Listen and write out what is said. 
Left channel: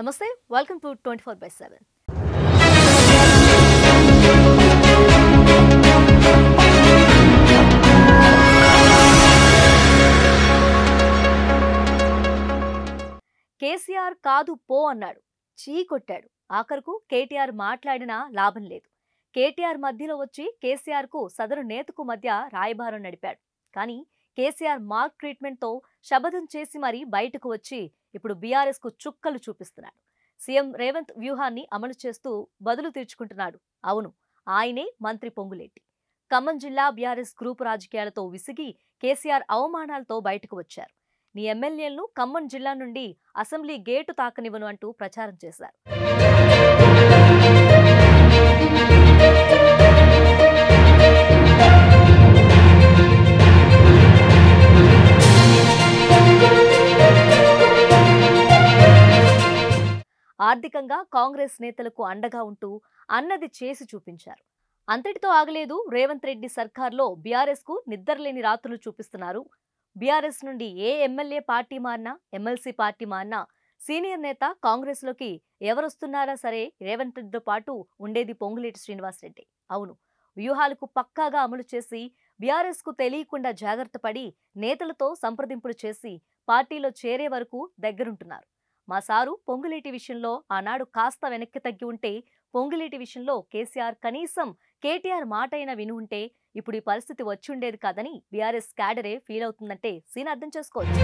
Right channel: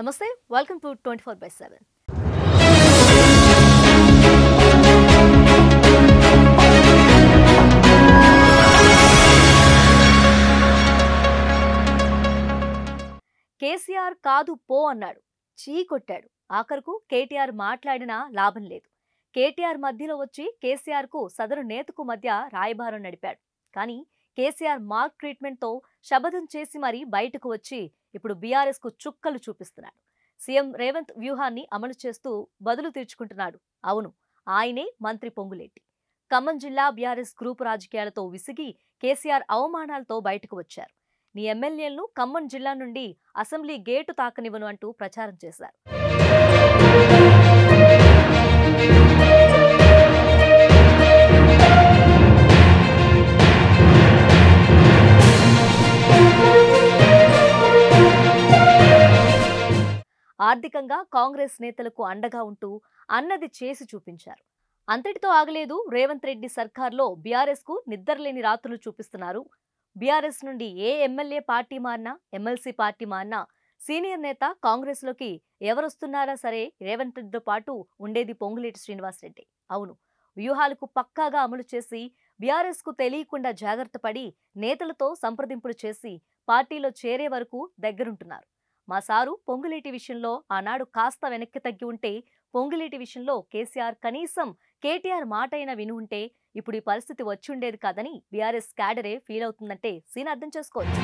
Namaste, welcome to 24/7. KCR కాదు పో అన్నాడు, చీ కొట్టాడు. ఆఖరుకు కేటీఆర్ మాట్లాడినా లాభం లేదు. కేటీఆర్ మధ్యలో వచ్చి కేసీఆర్ కు సదరు నేతకు మధ్య రాయబారం నడిపాడు. కానీ కేసీఆర్ మార్క్ ట్రీట్మెంట్ తో శబదం చేసి మరీ బయటకు వచ్చి ఇప్పుడు బీఆర్ఎస్ కు చుక్కలు చూపిస్తున్నాడు. సీఎం రేవంత్ వ్యూహాన్ని అమలు చేస్తూ బదులు తీర్చుకుంటున్నాడు. అవును, ఆయనే మంత్రి పొంగులేటి. ఖమ్మం జిల్లా బీఆర్ఎస్ గ్రూపు రాజకీయాలతో విసిగి కేసీఆర్ అవమానాలతో బయటకు వచ్చారు. నీ ఎమ్మెల్యేలను ఖమ్మం జిల్లా నుండి అసెంబ్లీ గేటు తాకనివ్వను అంటూ ప్రచారం చేశారు. ఆర్థికంగా కాంగ్రెస్ నేతలకు అండగా ఉంటూ అన్నది చేసి చూపించారు. అంతటితో ఆగలేదు. రేవంత్ రెడ్డి సర్కార్లో బీఆర్ఎస్ కు నిద్రలేని రాత్రులు చూపిస్తున్నారు. బీఆర్ఎస్ నుండి ఏ ఎమ్మెల్యే పార్టీ మారినా, ఎమ్మెల్సీ పార్టీ మారినా సీనియర్ నేత కాంగ్రెస్ లోకి ఎవరొస్తున్నారా సరే రేవంత్ రెడ్డితో పాటు ఉండేది పొంగులేటి శ్రీనివాసరెడ్డి. అవును, వ్యూహాలకు పక్కాగా అమలు చేసి బీఆర్ఎస్ కు తెలియకుండా జాగ్రత్త పడి నేతలతో సంప్రదింపులు చేసి పార్టీలో చేరే వరకు దగ్గరుంటున్నారు. మా సారు పొంగులేటి విషయంలో ఆనాడు కాస్త వెనక్కి తగ్గి ఉంటే, పొంగులేటి విషయంలో కేసీఆర్ కనీసం కేటీఆర్ మాట అయినా విని ఉంటే ఇప్పుడు ఈ పరిస్థితి వచ్చి ఉండేది కాదని బీఆర్ఎస్ క్యాడరే ఫీల్ అవుతుందంటే సీన్ అర్థం చేసుకోవచ్చు.